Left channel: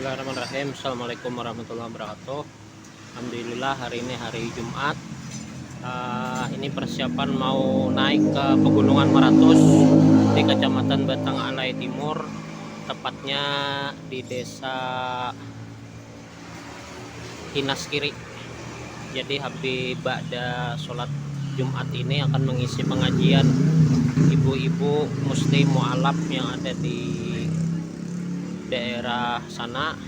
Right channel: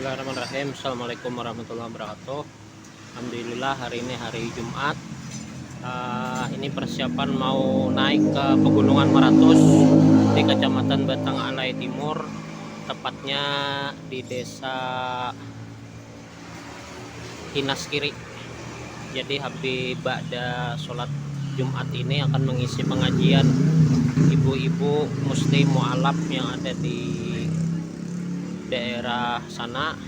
Bismillahirrahmanirrahim. Assalamualaikum warahmatullahi wabarakatuh. Alhamdulillah hari ini hari Jumat. Ini persiapan mau naik ke Pegunungan Maratus di Kecamatan Batang Alai Timur, tepatnya di Desa Hinas Kiri. Jadi habis ba'da sholat Jumat ini akan mengisi pengajian ibu-ibu muslim mu'alaf yang ada di daerah sana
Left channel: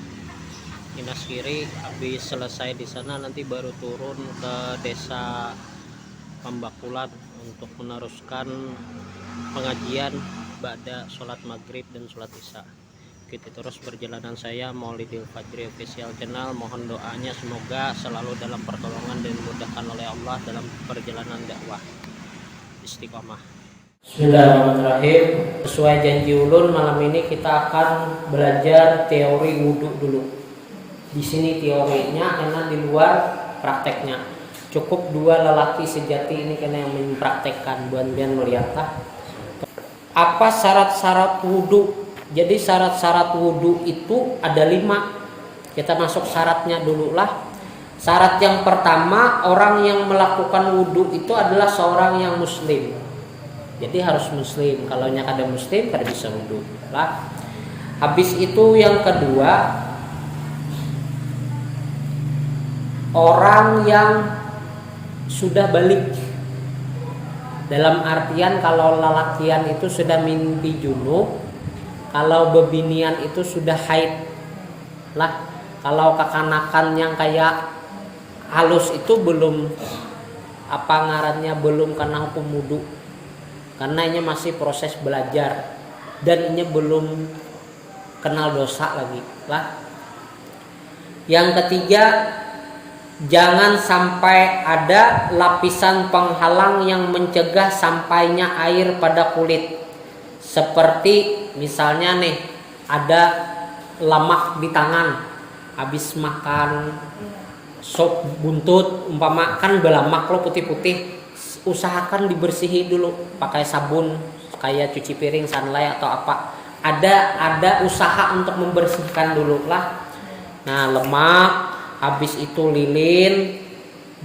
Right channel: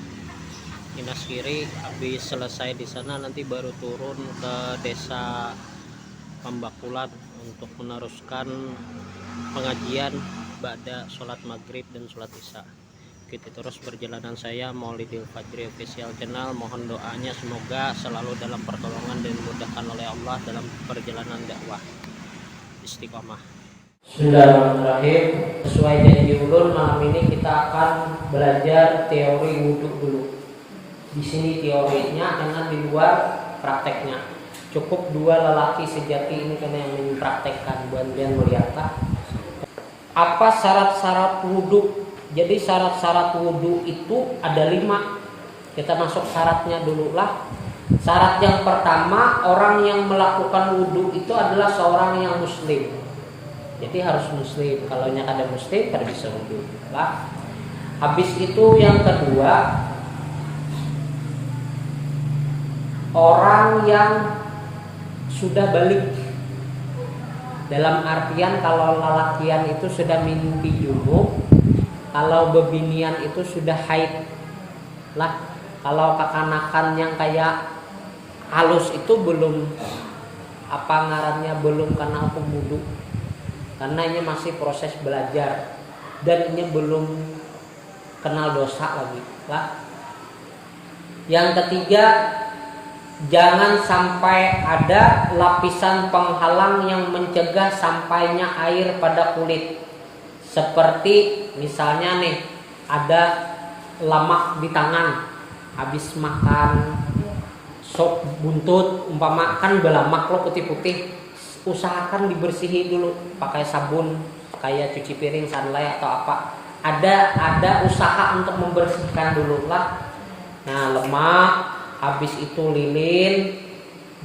Hinas Kiri. Habis selesai di sana nanti baru turun ke desa Pambakulan untuk meneruskan pengajian ba'da sholat maghrib dan sholat isya. Ikuti terus perjalanan saya Maulidil Fajri Official Channel. Mohon doanya semoga selalu dalam pertolongan dan dimudahkan oleh Allah dalam perjalanan dakwah. Istiqomah. Bismillahirrahmanirrahim. Sesuai janji ulun, malam ini kita akan belajar teori wudhu dulu. Di sini teorinya, karena di luar prakteknya. Cukup dua lelaki sejati ini karena yang mempraktekkan. Buan-buan melihat apa syarat-syarat wudhu. Jadi syarat-syarat wudhu itu ada 5. Kita masuk syaratnya dulu lah. Syarat yang pertama, orang yang melakukan wudhu itu adalah seorang yang muslim. Jadi harus muslim. Kalau ada muslim tidak bisa wudhu lah. Habis itu yang kedua, orang yang sudah balik. Dalam artian kalau lelakian itu sudah mimpi junub, kalau bebinian itu sudah haid lah. Kalau kekanakan yang kayak halus itu belum belum kena hukum wudhu. Karena ini masih proses belajar dan ini belum kenal dosa lagi lah. Yang ketiga, jangan sampai ada lapisan penghalang yang mencegah sampainya air pada kulit. Seperti misalnya nih, ada lemak di tangan habis makan sop buntut, umpama kan belamak lo putih-putih, usahakan dibersihi dulu pakai sabun kayak cuci piring, sunlight atau apa. Ada usaha untuk membersihkan dulu lah. Nah, lemak, habis itu lilin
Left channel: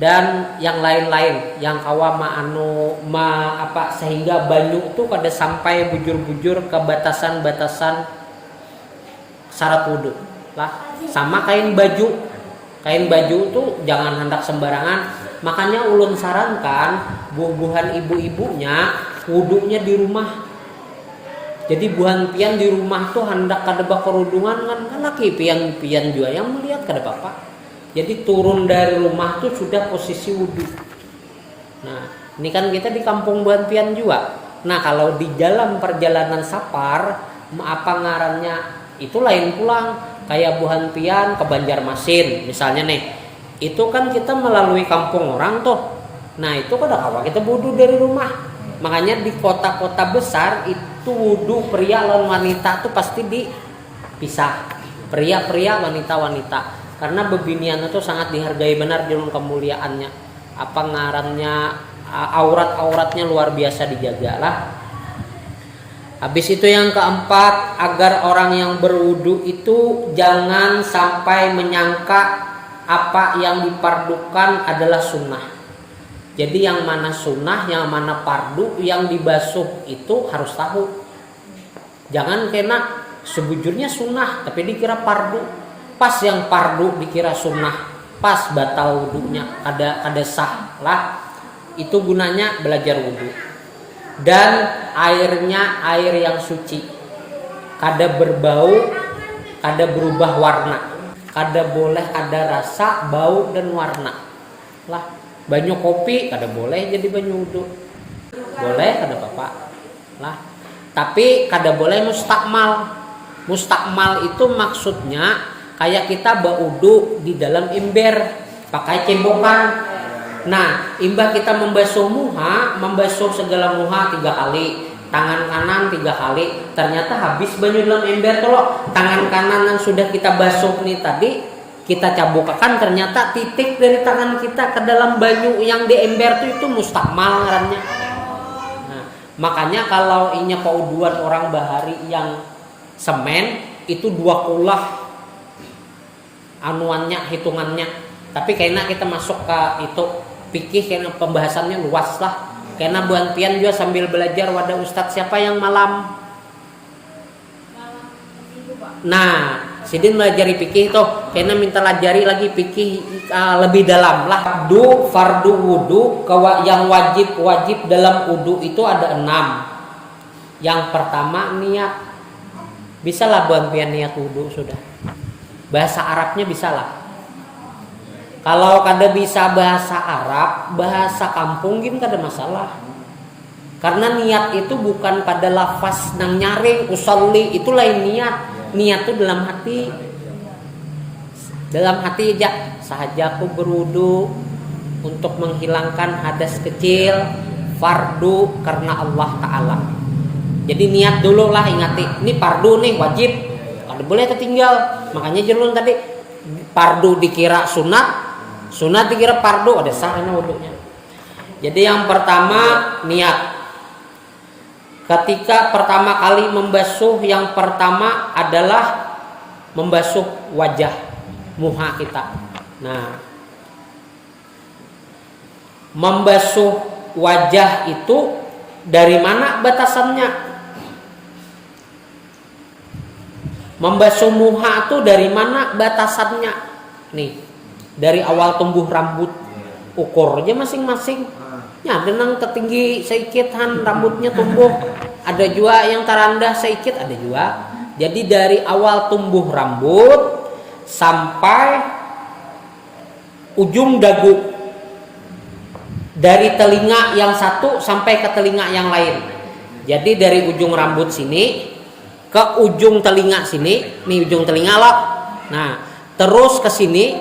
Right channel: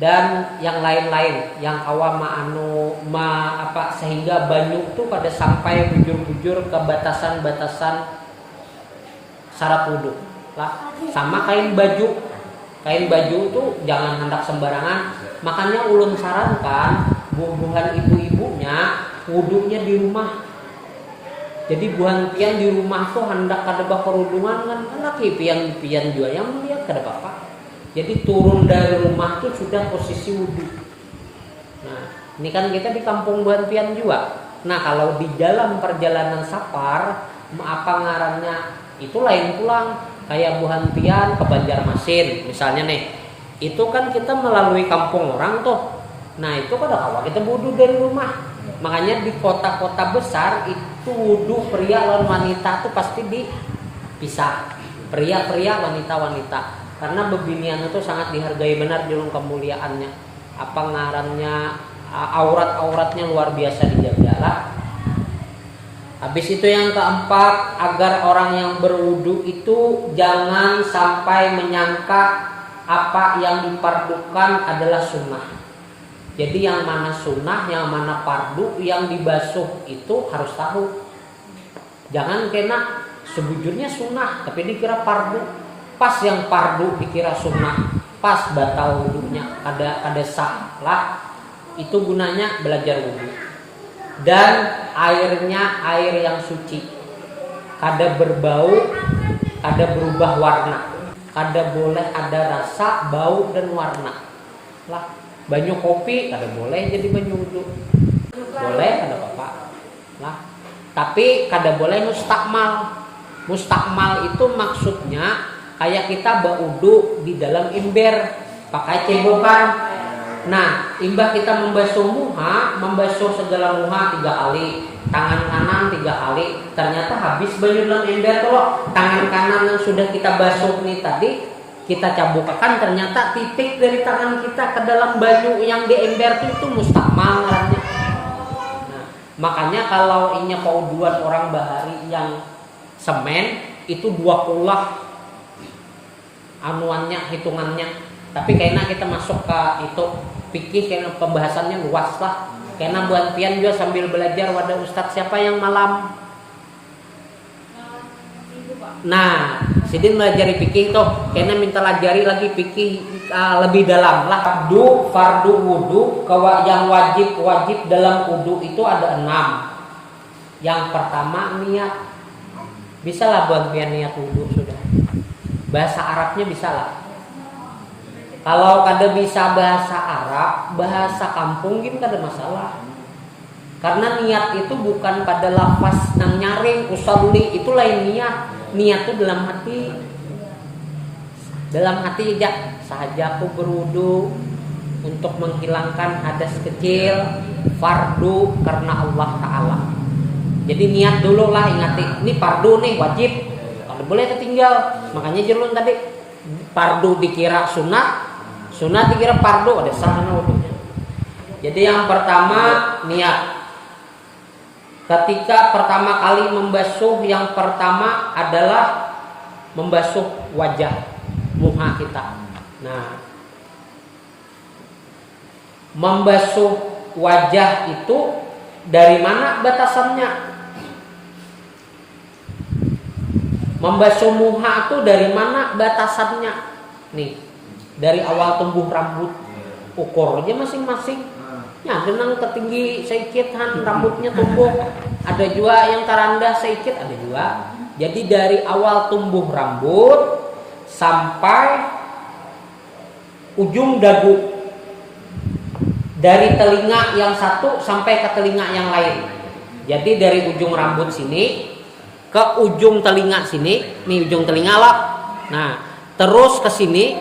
dan yang lain-lain yang sehingga banyu tuh pada sampai bujur-bujur ke batasan-batasan syarat wudhu lah. Sama kain baju tuh jangan hendak sembarangan. Makanya ulun sarankan buah-buahan ibu-ibunya wudhunya di rumah. Jadi buahan pian di rumah tuh hendak kada kerudungan kan laki pian juga yang melihat kada apa-apa. Jadi turun dari rumah tuh sudah posisi wudhu. Nah, ini kan kita di kampung buahan pian juga. Nah, kalau di dalam perjalanan safar, itu lain pulang. Kayak buahan pian ke Banjarmasin misalnya nih. Itu kan kita melalui kampung orang tuh. Nah, itu kada kawa kita wudhu dari rumah. Makanya di kota-kota besar itu wudhu pria lawan wanita tuh pasti dipisah. Pria-pria, wanita-wanita. Karena bebinian itu sangat dihargai benar dalam kemuliaannya. Aurat-auratnya luar biasa dijaga lah. Habis itu yang keempat, agar orang yang berwudu itu jangan sampai menyangka apa yang dipardukan adalah sunnah. Jadi yang mana sunnah, yang mana fardu, yang dibasuh itu harus tahu. Jangan kena sebujurnya sunnah tapi dikira fardu. Pas yang fardu dikira sunnah, pas batal wudunya, ada sah lah. Itu gunanya belajar wudu. Dan airnya air yang suci, kada berbau, kada berubah warna, kada boleh ada rasa, bau dan warna lah. Banyu kopi kada boleh jadi banyu wudu, boleh kada apa-apa lah. Tapi kada boleh mustakmal. Mustakmal itu maksudnya kayak kita baudu di dalam ember pakai cebokan. Nah, imbah kita membasuh segala muha 3 kali, tangan kanan 3 kali, ternyata habis banyu dalam ember tuh. Tangan kanan yang sudah kita basuh nih tadi, kita cabukakan, ternyata titik dari tangan kita ke dalam banyu yang di ember itu mustakmal namanya. Nah, makanya kalau ini keuduan orang bahari yang semen itu 2 kulah anuannya, hitungannya. Tapi kayaknya kita masuk ke itu fikih, karena pembahasannya luas lah. Karena buan pian juga sambil belajar wadah ustadz siapa yang malam. Nah, sidin belajar fikih itu, karena minta lajari lagi fikih lebih dalam lah. Fardu wudu yang wajib dalam wudu itu ada 6. Yang pertama niat. Bisa lah buan pian niat wudu sudah. Bahasa Arabnya bisa lah. Kalau kada bisa bahasa Arab, bahasa kampung gini kada masalah. Karena niat itu bukan pada lafaz nang nyaring usolli, itu lain niat. Niat itu dalam hati. Dalam hati aja. Sahaja aku berwudu untuk menghilangkan hadas kecil, fardu karena Allah Ta'ala. Jadi niat dulu lah, ingati. Ini fardu nih, wajib. Kada boleh ketinggal. Makanya jelun tadi fardu dikira sunat, sunat dikira fardu, ada sahana wudunya. Jadi yang pertama niat. Ketika pertama kali membasuh, yang pertama adalah membasuh wajah muha kita. Nah, membasuh wajah itu dari mana batasannya? Membasuh muha itu dari mana batasannya? Nih, dari awal tumbuh rambut, ukur aja masing-masing. Ya, dengan ketinggi sedikit rambutnya tumbuh. Ada juga yang terendah sedikit, ada juga. Jadi dari awal tumbuh rambut sampai ujung dagu. Dari telinga yang satu sampai ke telinga yang lain. Jadi dari ujung rambut sini ke ujung telinga sini, nih ujung telinga lah. Nah, terus ke sini,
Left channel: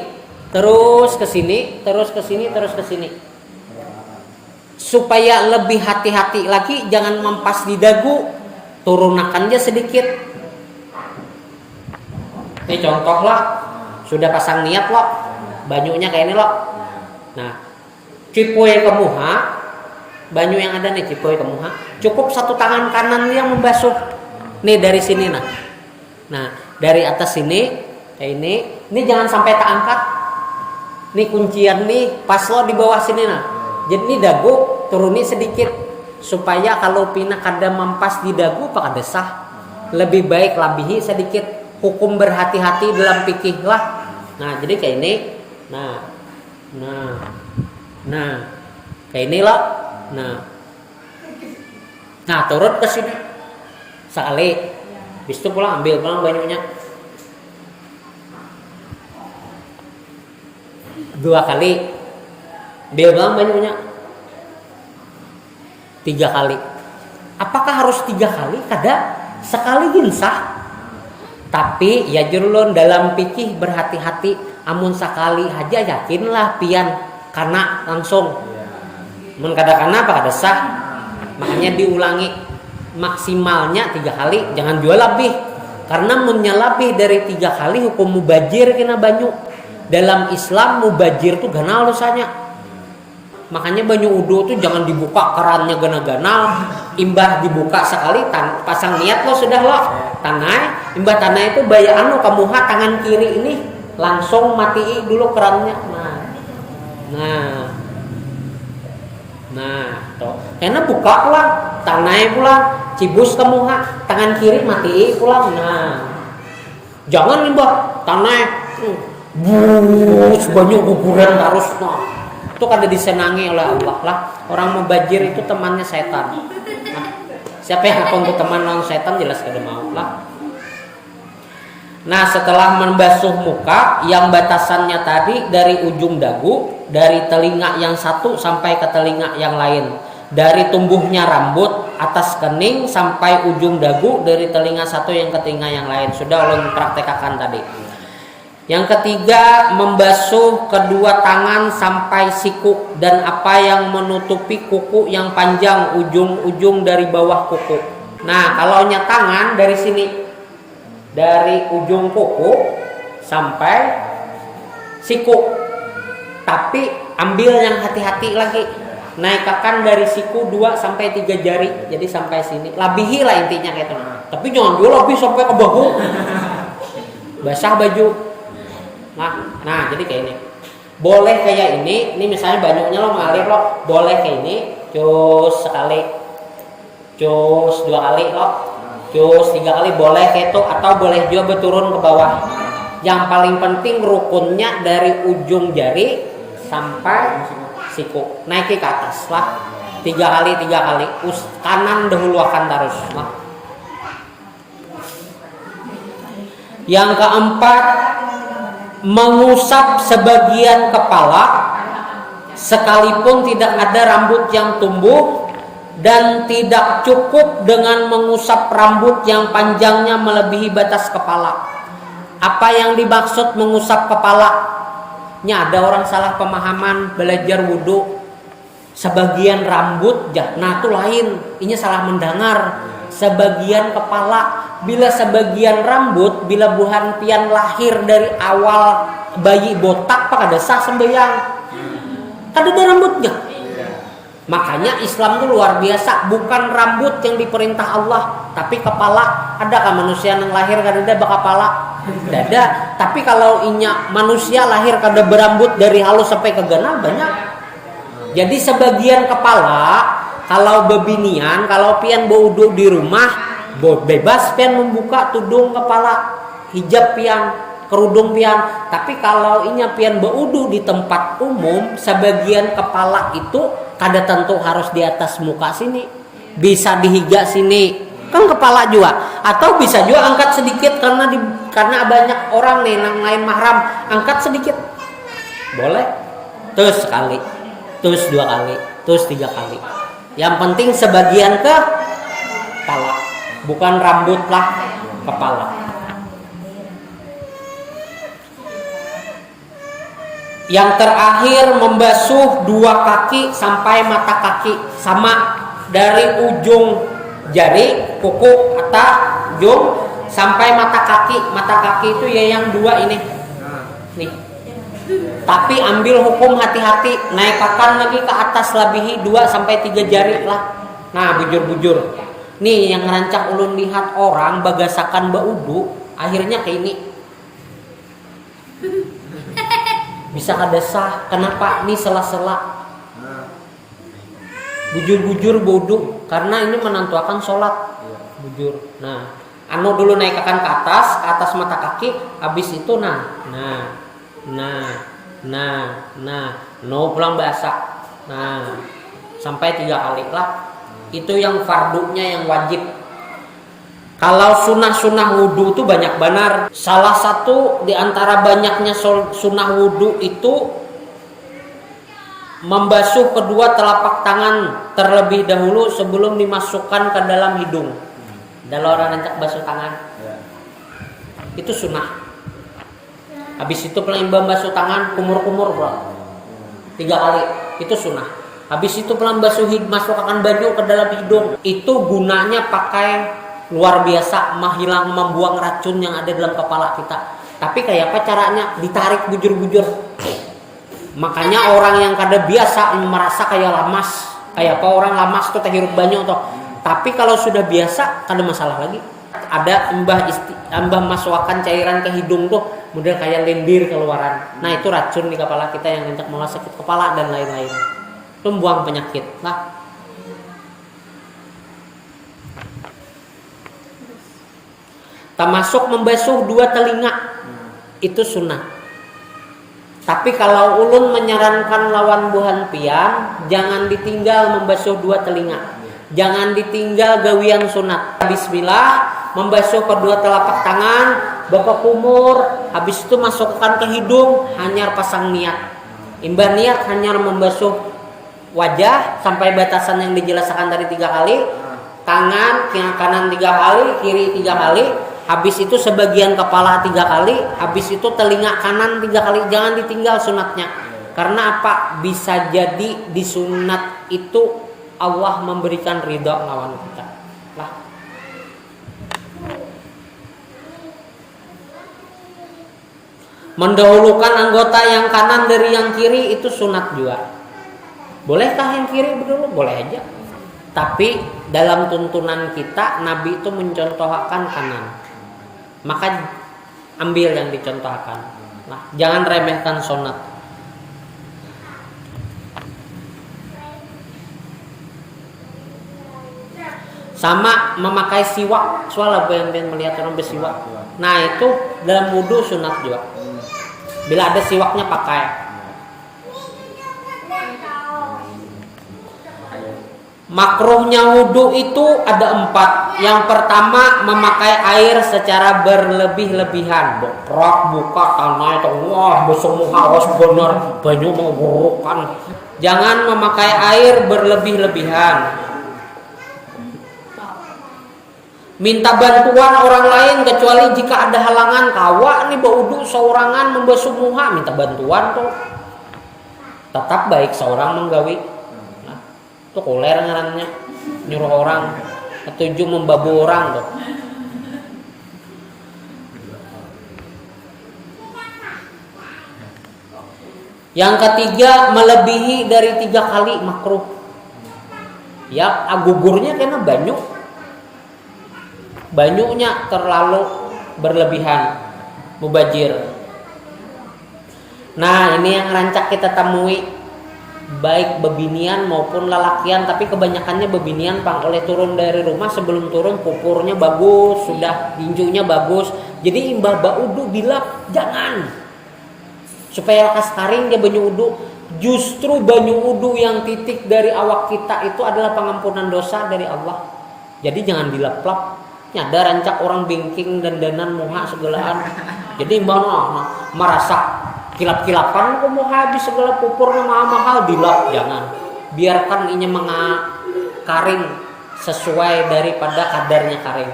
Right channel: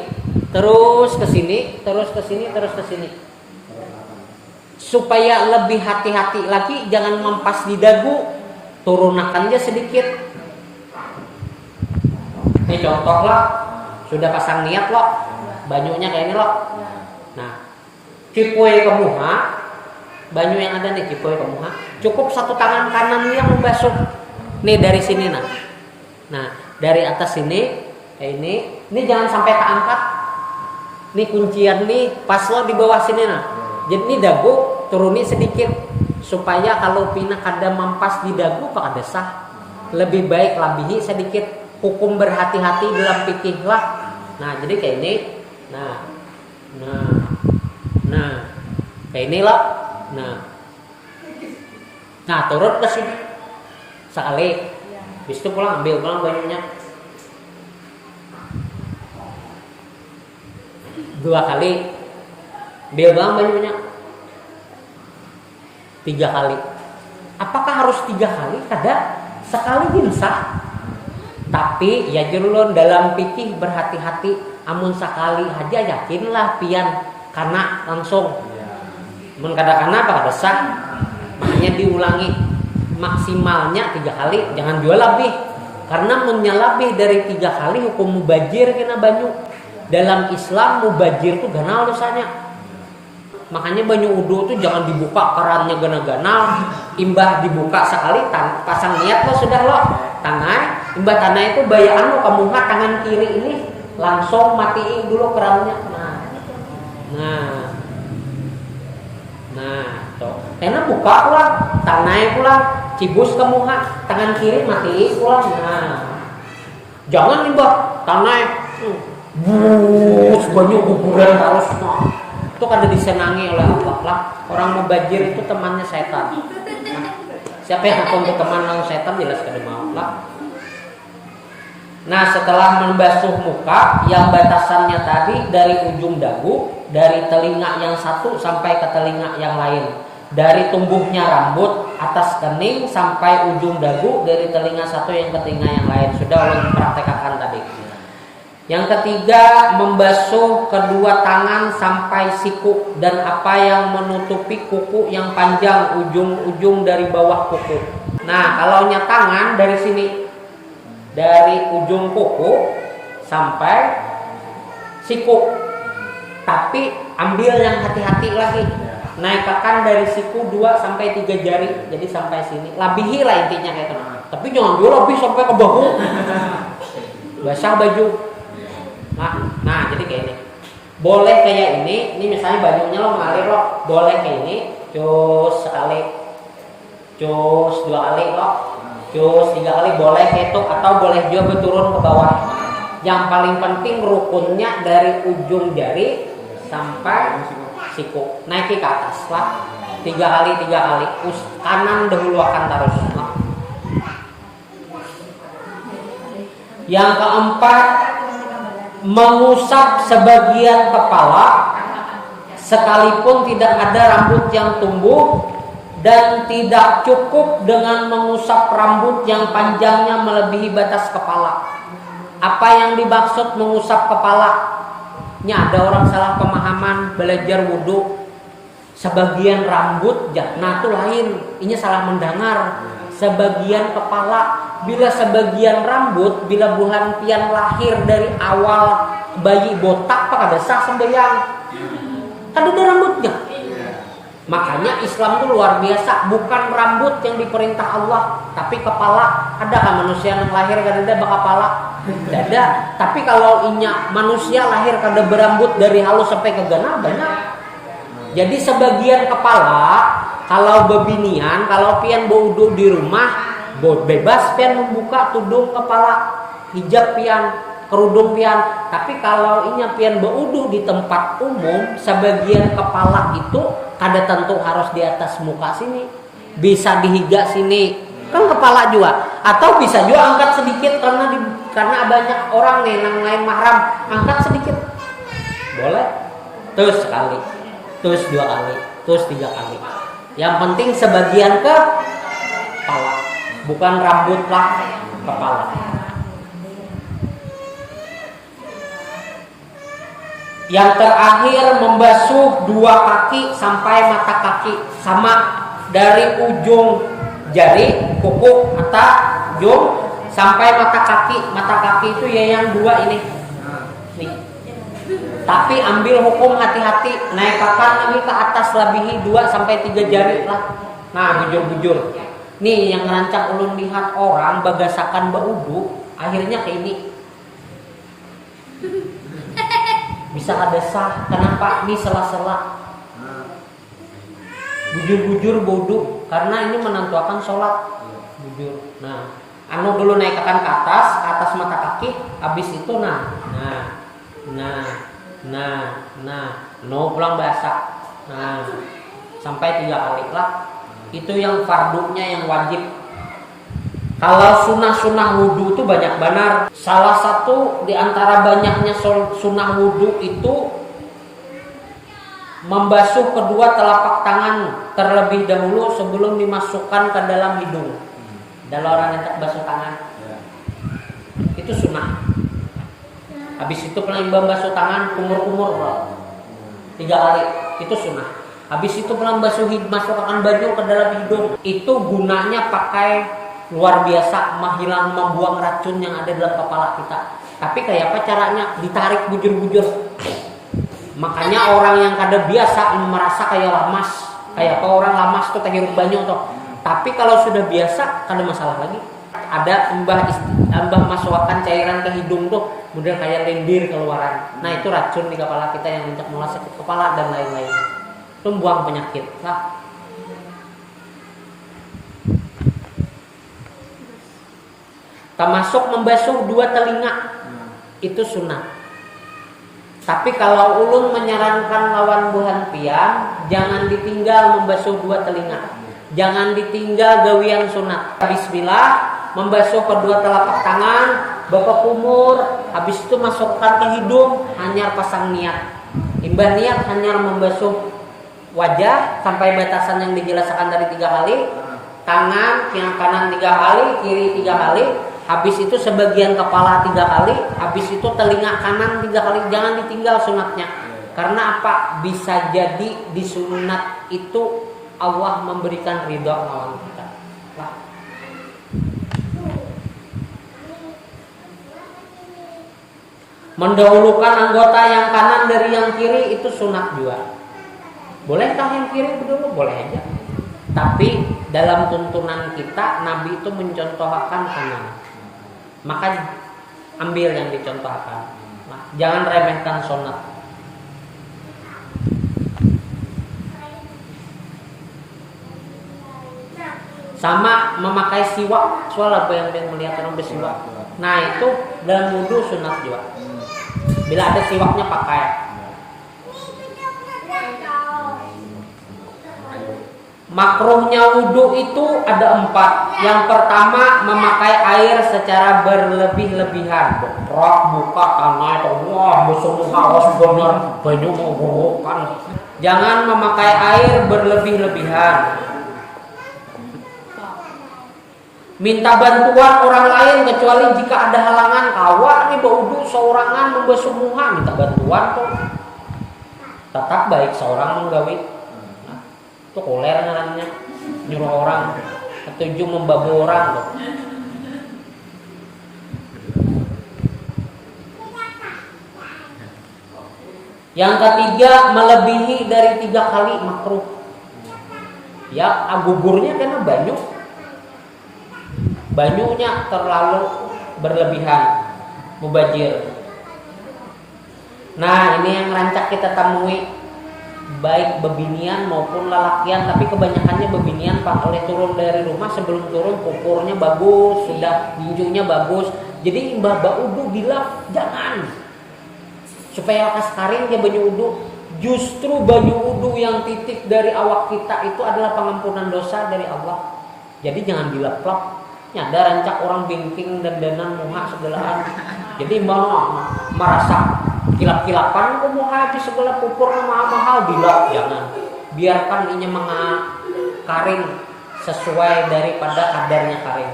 terus ke sini, terus ke sini, terus ke sini. Supaya lebih hati-hati lagi, jangan mempas di dagu, turunkan aja sedikit. Ini contoh lah, sudah pasang niat loh, banyunya kayak ini loh. Nah, cipoy ke muha, banyu yang ada nih cipoy ke muha, cukup satu tangan kanan yang membasuh. Nih dari sini nah. Nah, dari atas sini kayak ini jangan sampai tak angkat. Nih kuncian nih, pas lo di bawah sini nah. Jadi ini dagu turuni sedikit supaya kalau pina kada mampas di dagu pak kada sah. Lebih baik labihi sedikit. Hukum berhati-hati dalam fikih lah. Nah, jadi kayak ini. Nah, kayak inilah. Nah, turun ke sini sekali. Habis itu pulang ambil banyunya. 2 kali. Ambil banyunya. 3 kali. Apakah harus 3 kali? Kada, sekali ginsah. Tapi ya jurulun dalam fikih berhati-hati. Amun sekali aja yakinlah pian karena langsung. Mun kada-kana apa kada sah. Makanya diulangi maksimalnya 3 kali, jangan jual lebih. Karena menyelebih dari 3 kali hukum mubajir kena banyu. Dalam Islam mubajir tuh ganal dosanya. Makanya banyu wudu tuh jangan dibuka kerannya gana-gana. Imbah dibuka sekali, pasang niat lo sudah lo. Tangan, imbah tanah itu bayaan lo kamuha tangan kiri ini langsung matiin dulu kerannya. Nah, toh. Karena buka pulang, tanahnya pulang, cibus kamuha, tangan kiri mati pulang. Nah, jangan imbah tanah, banyak kuburan terus. Nah, itu kada disenangi oleh Allah lah. Orang mubajir itu temannya setan. Nah, siapa yang akan berteman dengan setan jelas kada mau lah. Nah, setelah membasuh muka yang batasannya tadi dari ujung dagu, dari telinga yang satu sampai ke telinga yang lain, dari tumbuhnya rambut atas kening sampai ujung dagu, dari telinga satu yang ke telinga yang lain. Sudah ulun praktekkan tadi. Yang ketiga, membasuh kedua tangan sampai siku dan apa yang menutupi kuku yang panjang, ujung-ujung dari bawah kuku. Nah, kalau tangan dari sini, dari ujung kuku sampai siku. Tapi ambil yang hati-hati lagi. Naikkan dari siku 2 sampai 3 jari. Jadi sampai sini. Labihi lah intinya gitu. Tapi jangan dulu lebih sampai ke bahu. Basah baju. Nah, jadi kayak ini. Boleh kayak ini misalnya banyaknya lo ngalir lo, boleh kayak ini, cus sekali, cus 2 kali lo, cus 3 kali boleh kayak itu, atau boleh juga berturun ke bawah. Yang paling penting rukunnya dari ujung jari sampai siku, naiki ke atas lah. 3 kali, kanan dahulu akan terus lah. Yang keempat, mengusap sebagian kepala sekalipun tidak ada rambut yang tumbuh, dan tidak cukup dengan mengusap rambut yang panjangnya melebihi batas kepala. Apa yang dimaksud mengusap kepala? Ini ada orang salah pemahaman belajar wudhu, sebagian rambut, nah itu lain, ini salah mendengar. Sebagian kepala, bila sebagian rambut, bila buhan pian lahir dari awal bayi botak, pak ada sah sembahyang, ada rambutnya. Makanya Islam itu luar biasa, bukan rambut yang diperintah Allah, tapi kepala. Adakah manusia yang lahir kada ada kepala? Tidak ada. Tapi kalau inya manusia lahir kada berambut dari halus sampai ke gana banyak. Jadi sebagian kepala, kalau bebinian, kalau pian berwudu di rumah, bebas pian membuka tudung kepala, hijab pian, kerudung pian. Tapi kalau inya pian berwudu di tempat umum, sebagian kepala itu kada tentu harus di atas muka sini, bisa dihiga sini, kan kepala juga. Atau bisa juga angkat sedikit karena banyak orang nih yang lain mahram, angkat sedikit, boleh. Terus sekali, terus 2 kali, terus 3 kali. Yang penting sebagian ke kepala, bukan rambut lah, kepala. Yang terakhir, membasuh 2 kaki sampai mata kaki, sama dari ujung jari, kuku, mata, ujung sampai mata kaki. Mata kaki itu ya yang 2 ini, nih. Tapi ambil hukum hati-hati, naikkan lagi ke atas lebihi 2 sampai 3 jari lah. Nah, bujur-bujur. Nih yang ngerancang ulun lihat orang bagasakan baudu, akhirnya kayak ini. Bisa ada sah, kenapa? Ini sela-sela. Bujur-bujur baudu, karena ini menentukan sholat. Bujur. Nah, dulu naikkan ke atas mata kaki, habis itu no pulang basah. Nah, sampai 3 kali lah. Itu yang fardunya yang wajib. Kalau sunnah-sunnah wudhu itu banyak benar. Salah satu di antara banyaknya sunnah wudhu itu membasuh kedua telapak tangan terlebih dahulu sebelum dimasukkan ke dalam hidung. Dalam orang hendak basuh tangan, itu sunnah. Habis itu pelan basuh tangan, kumur-kumur 3 kali, itu sunnah. Habis itu pelan masukkan baju ke dalam hidung. Itu gunanya pakai luar biasa, membuang racun yang ada dalam kepala kita. Tapi kayak apa caranya? Ditarik bujur-bujur. Makanya orang yang kada biasa merasa kayak lamas, kayak apa orang lamas tuh terhirup banyak tuh. Tapi kalau sudah biasa kada masalah lagi. Ada embah masukkan cairan ke hidung tuh, kemudian kayak lendir keluaran. Nah itu racun di kepala kita yang untuk sakit kepala dan lain-lain. Itu buang penyakit. Nah, termasuk membasuh 2 telinga, itu sunnah. Tapi kalau ulun menyarankan lawan buhan pian, jangan ditinggal membasuh 2 telinga. Jangan ditinggal gawian sunat. Bismillah, membasuh kedua telapak tangan, bapak kumur, habis itu masukkan ke hidung, hanya pasang niat. Imbah niat hanya membasuh wajah sampai batasan yang dijelaskan dari 3 kali, tangan kanan 3 kali, kiri 3 kali, habis itu sebagian kepala 3 kali, habis itu telinga kanan 3 kali. Jangan ditinggal sunatnya. Karena apa? Bisa jadi di sunat itu Allah memberikan ridha lawan kita. Nah. Mendahulukan anggota yang kanan dari yang kiri itu sunat juga. Bolehkah yang kiri dulu? Boleh aja. Tapi dalam tuntunan kita, Nabi itu mencontohkan kanan. Maka ambil yang dicontohkan. Nah, jangan remehkan sunat. Sama memakai siwak, soalnya yang melihat orang bersiwak. Nah itu dalam wudhu sunat juga. Bila ada siwaknya pakai. Makruhnya wudhu itu ada 4. Yang pertama memakai air secara berlebih-lebihan. Berak buka tanah itu, wah besok harus benar banyak mengurukan. Jangan memakai air berlebih-lebihan. Minta bantuan orang lain kecuali jika ada halangan. Kawa nih berwudu seorangan membasuh muka, minta bantuan tuh. Tetap baik seorang menggawi. Nah, itu koler ngarannya, nyuruh orang. Ketujuh membabu orang tuh. Yang ketiga melebihi dari 3 kali makruh. Ya gugurnya karena banyunya terlalu berlebihan, mubajir. Nah ini yang rancak kita temui, baik bebinian maupun lelakian, tapi kebanyakannya bebinian pang oleh turun dari rumah, sebelum turun pupurnya bagus, sudah tinjunya bagus. Jadi imbah baudu bilang jangan, supaya lekas karing dia banyu udu. Justru banyu udu yang titik dari awak kita itu adalah pengampunan dosa dari Allah. Jadi jangan dilap-lap. Ada rancak orang bingking dan danan muha segelaan. Jadi mau merasa kilap-kilapan kok mau habis segala pupur mahal dilap, jangan. Biarkan ini karing sesuai daripada kadarnya karing.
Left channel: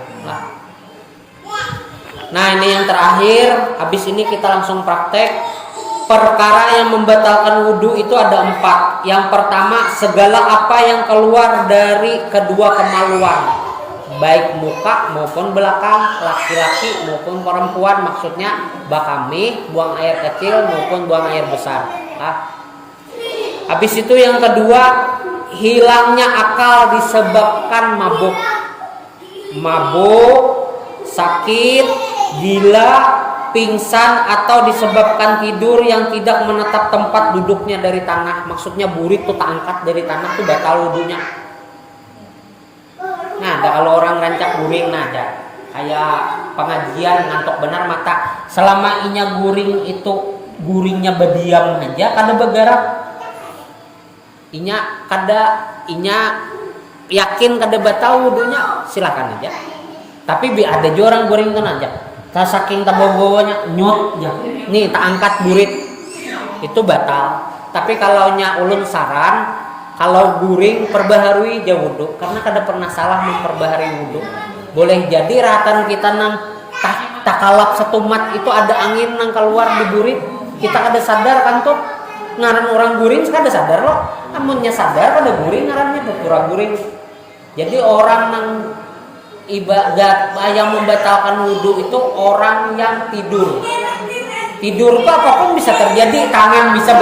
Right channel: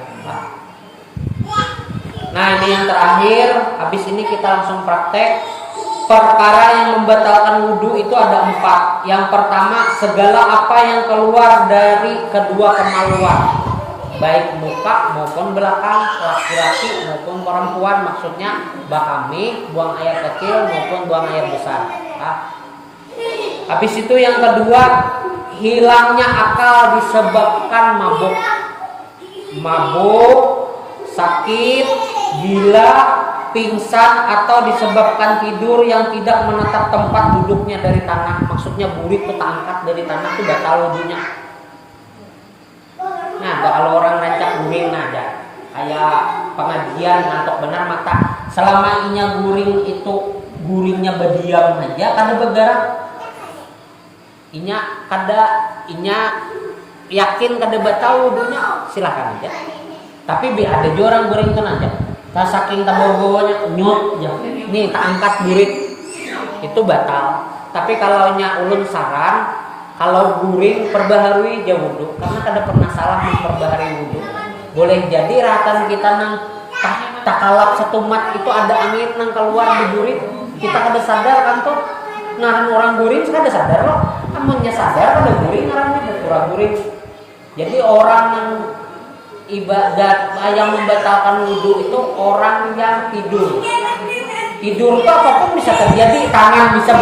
Nah ini yang terakhir. Habis ini kita langsung praktek. Perkara yang membatalkan wudhu itu ada 4. Yang pertama, segala apa yang keluar dari kedua kemaluan, baik muka maupun belakang, laki-laki maupun perempuan, maksudnya bakami, buang air kecil maupun buang air besar. Ya. Habis itu yang kedua, hilangnya akal disebabkan mabuk, sakit, gila, pingsan, atau disebabkan tidur yang tidak menetap tempat duduknya dari tanah. Maksudnya burik itu tak angkat dari tanah itu batal wudunya. Nah, kalau orang rancak guring, nah ada kayak pengajian ngantok benar mata. Selama inya guring itu guringnya berdiam aja, kada bergerak. Inya yakin kada batal wudunya, silakan aja. Tapi ada juga orang guring kan aja. Tak saking tabogonya nyut ya. Nih tak angkat burit itu batal. Tapi kalau nya ulun saran, kalau guring perbaharui jauh wudu, karena kada pernah salah memperbaharui wudu. Boleh jadi ratan kita nang tak kalap setumat itu ada angin nang keluar di burit, kita kada sadar kan tuh. Ngaran orang guring kada sadar loh. Amunnya sadar kada guring ngarannya pura guring. Jadi orang nang ibadat yang membatalkan wudu itu orang yang tidur. Tidur tuh apapun bisa terjadi, tangan bisa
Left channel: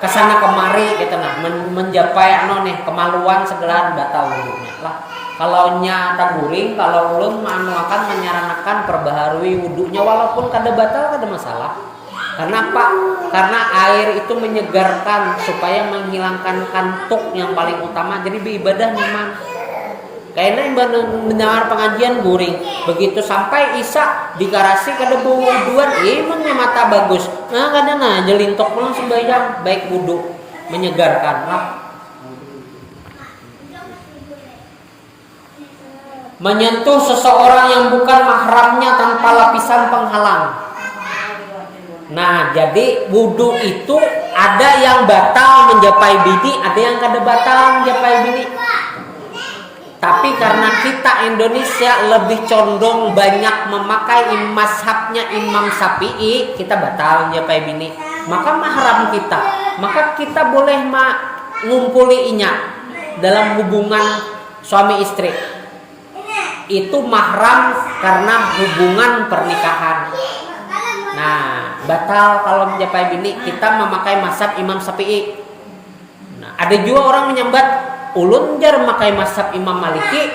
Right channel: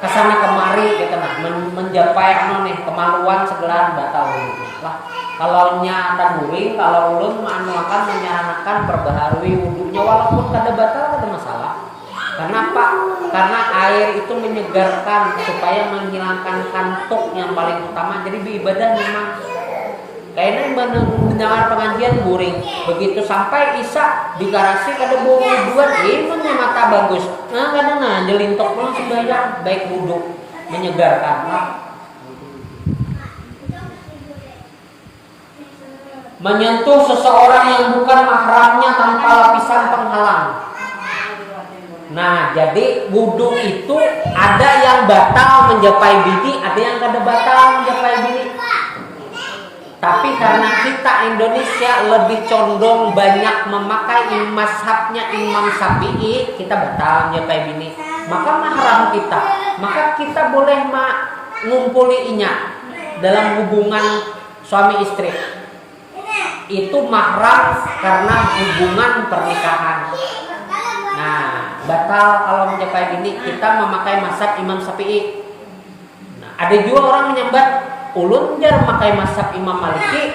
kesana kemari gitu nah, mencapai kemaluan segala batal wudunya lah. Kalau nyata guring, kalau belum akan menyarankan perbaharui wudunya walaupun kada batal kada masalah. Karena apa? Karena air itu menyegarkan supaya menghilangkan kantuk yang paling utama. Jadi beribadah memang kayaknya mendengar pengajian guring, begitu sampai isya digarasi kada bau wuduan, imannya mata bagus. Nah kadang jelintok pun sembahyang baik wudu menyegarkan. Menyentuh seseorang yang bukan mahramnya tanpa lapisan penghalang. Nah jadi wudu itu ada yang batal menjapai bini, ada yang kada batal menjapai bini. Tapi karena kita Indonesia lebih condong banyak memakai mazhabnya Imam Syafi'i, kita batal menjapai bini. Maka mahram kita, maka kita boleh ngumpuli inya dalam hubungan suami istri. Itu mahram karena hubungan pernikahan. Nah, batal kalau menjapai bini, kita memakai mazhab Imam Syafi'i. Nah, ada juga orang menyambat ulun jar memakai mazhab Imam Maliki,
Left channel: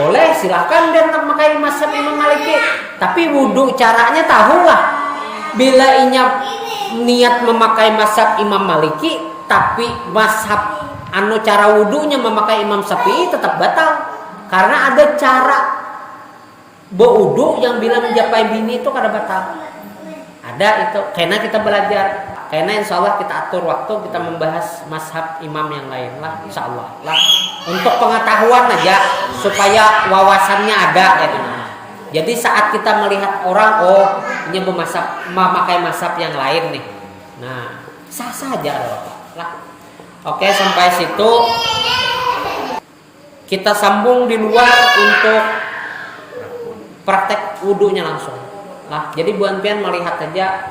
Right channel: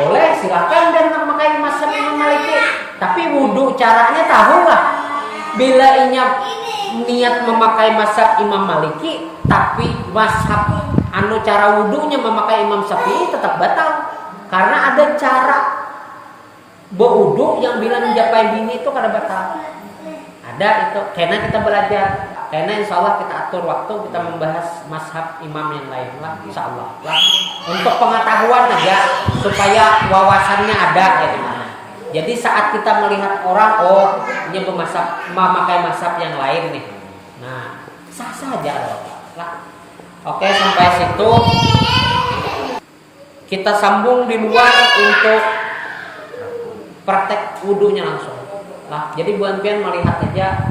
boleh silakan dia memakai mazhab Imam Maliki. Tapi wudu caranya tahu lah. bila niat memakai mazhab Imam Maliki, tapi mazhab cara wudunya memakai Imam Syafi'i tetap batal. Karena ada cara berwudu yang bila mencapai bini itu kada batal. Ada itu. Karena kita belajar. Karena insya Allah kita atur waktu kita membahas mazhab imam yang lain lah, insya Allah lah. Untuk pengetahuan aja supaya wawasannya ada. Ya. Jadi saat kita melihat orang, oh ini memakai mazhab yang lain nih. Nah, sah saja lah. Oke, sampai situ kita sambung di luar untuk praktek wudunya langsung. Nah, jadi Buan Pian melihat aja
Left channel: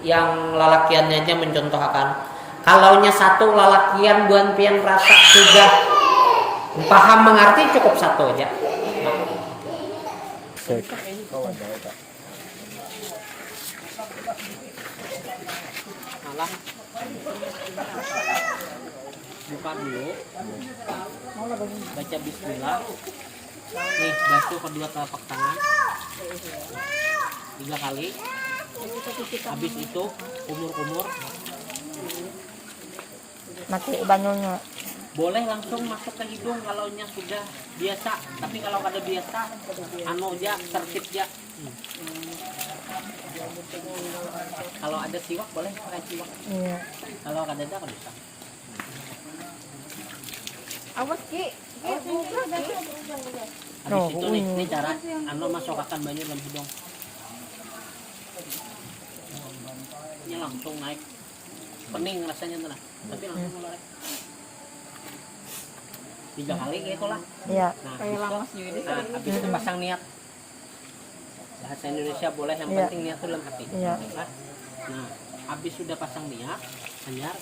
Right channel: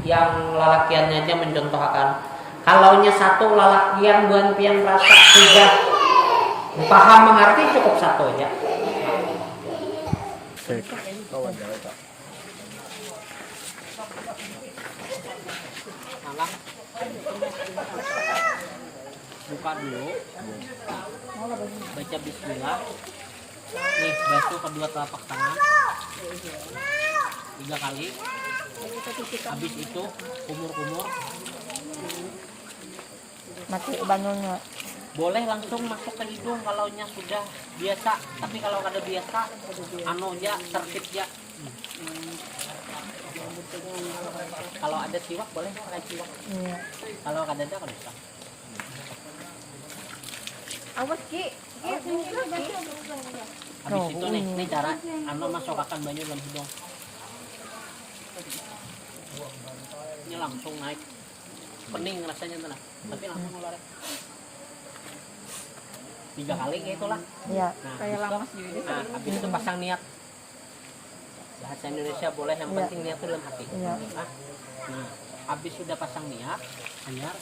yang lalakiannya aja mencontohkan. Kalaunya satu lalakian Buan Pian merasa sudah paham mengerti, cukup satu aja. Salah. Buka dulu. Baca bismillah. Nih, basuh kedua telapak tangan 3 kali. Habis itu kumur-kumur. Mati banyunya. Boleh langsung masuk ke hidung kalau sudah biasa. Tapi kalau kada biasa, aja tertib ya. Kalau ada siwak boleh pakai siwak. Iya. Kalau kada ada kada bisa. Awas Ki. Habis itu nih, ini cara masukkan banyu dalam hidung. Ini langsung naik. Pening rasanya tuh, tapi langsung ngeluarin. 3 kali gitu lah. Iya. Nah, habis itu pasang niat. Bahasa Indonesia boleh, yang penting niat itu dalam hati. Iya. Nah, habis sudah pasang niat, anyar.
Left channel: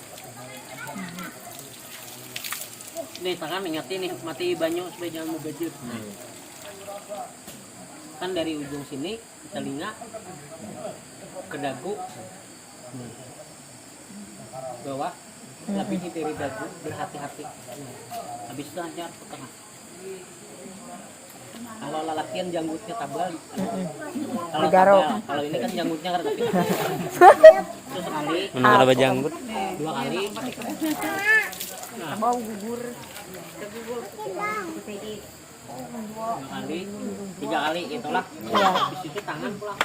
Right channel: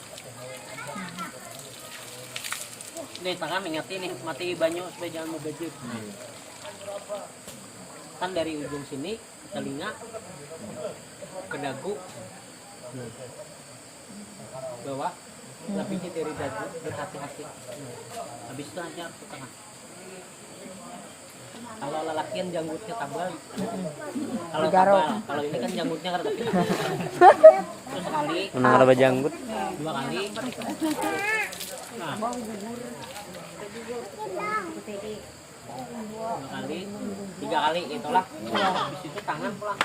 Nih tangan ingatin nih, mati banyu supaya jangan mubazir. Kan dari ujung sini ke telinga, ke dagu, bawah, lebih dari dagu, berhati-hati. Habis itu anyar ke tengah. Kalau lalakian janggutnya tabal, kalau tabal, kalau ini kan janggutnya karena tapi terus sekali, menang ada janggut 2 kali. Nah, 2 kali, 3 kali itulah. Habis itu tangan pulang.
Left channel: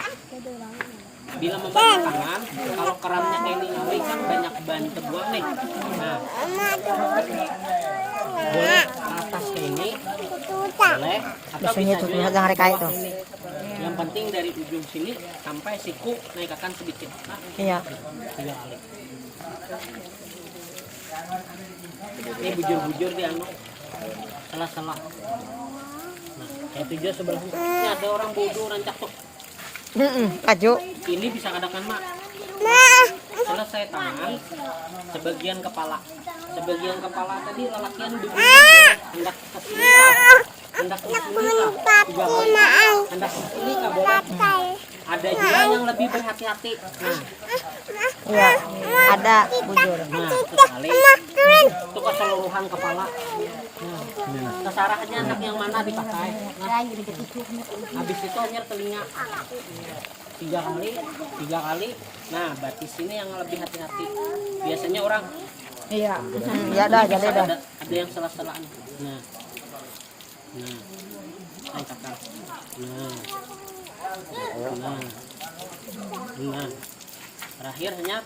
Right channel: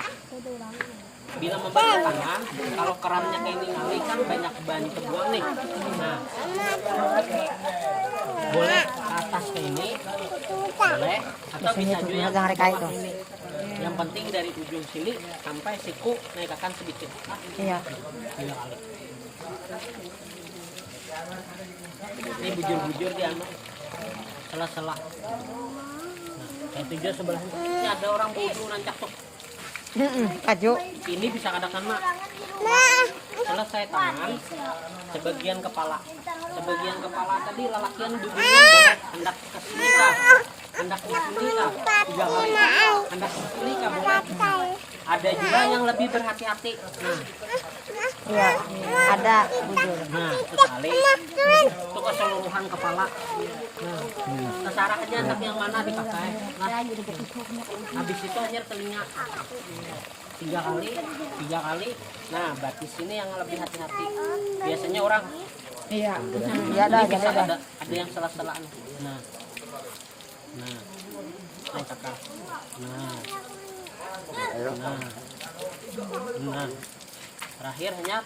Bila membantu tangan, kalau keramnya kayak ini ngali kan banyak ban terbuang nih. Nah, boleh ke atas ke ini, boleh, atau bisa juga ke bawah ini. Yang penting dari ujung sini sampai siku naikkan sedikit. Nah, Iya. 3 kali. Ini bujur-bujur di sela-sela. Nah, kayak itu juga sebelahnya. Ini ada orang bodoh rancak tuh. Kaju. Ini bisa katakan mak. Selesai tangan, sebagian kepala. Sebagian kepala tadi lalakian duduk hendak ke sini kah? Hendak ke sini kah? 3 kali. Hendak ke sini kah boleh? Ada juga yang lebih berhati-hati. Nah, Iya. Ada bujur. nah sekali itu keseluruhan kepala. Nah, terserah aja anak yang mana dipakai. Nah, habis itu hanya telinga 3 kali, 3 kali. Nah, batis ini yang lebih hati-hati. Biasanya orang Iya. Iya ada ini bisa ada. ada yang salah-salahan. Nah, naik kakak. Nah, terakhir hanya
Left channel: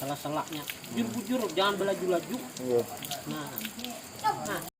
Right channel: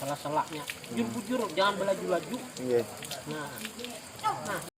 salah-salahnya. Bujur-bujur, jangan belaju-laju. Iya. Nah,